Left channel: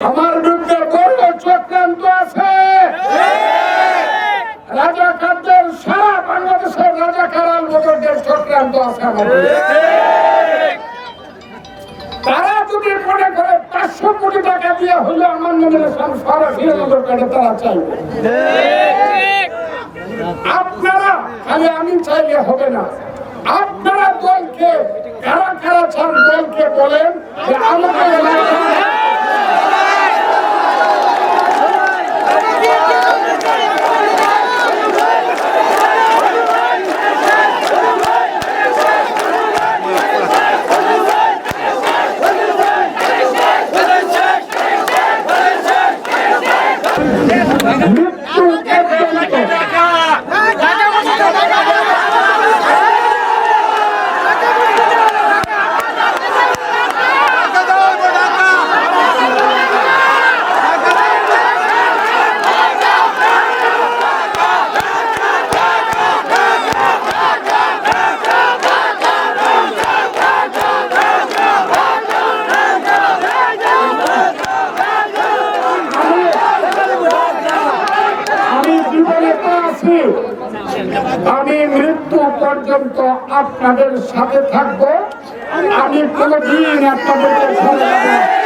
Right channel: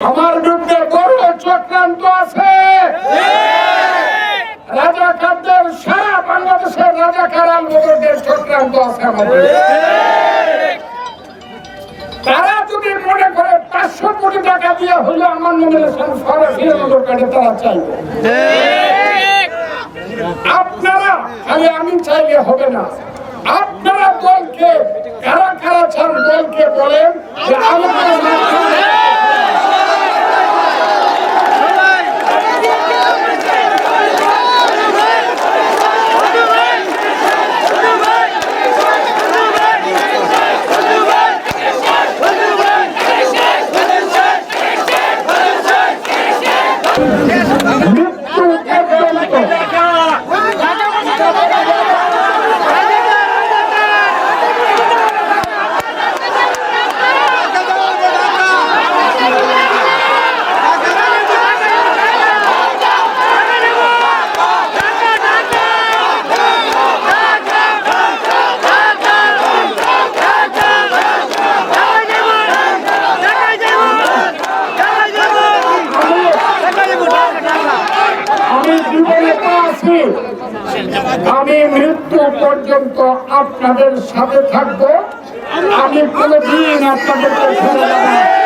আমার বিরুদ্ধে বড় চক্রান্ত আছে। রাজাকারদের সারা বাংলাদেশের রাজাকার আলবদরদের চক্রান্ত আছে আমাদের। তারা যদি মনে করে পাঁচশো কোটি টাকা দিয়ে হলে আমার নমিনেশন সরাসরি নজর কাটে তারা চাইবে। আপনারা খালি আমি চাইলে হবে না। আপনারা দলকে কারা কারা চান দলকে বলেন যে আমাদের মাধ্যমে মৃত্যু পর্যন্ত আমি জীবনে তো আছি আমি মৃত্যু পর্যন্ত আপনাদের সাথে থাকব আমি কোনোদিন আপনাদেরকে না।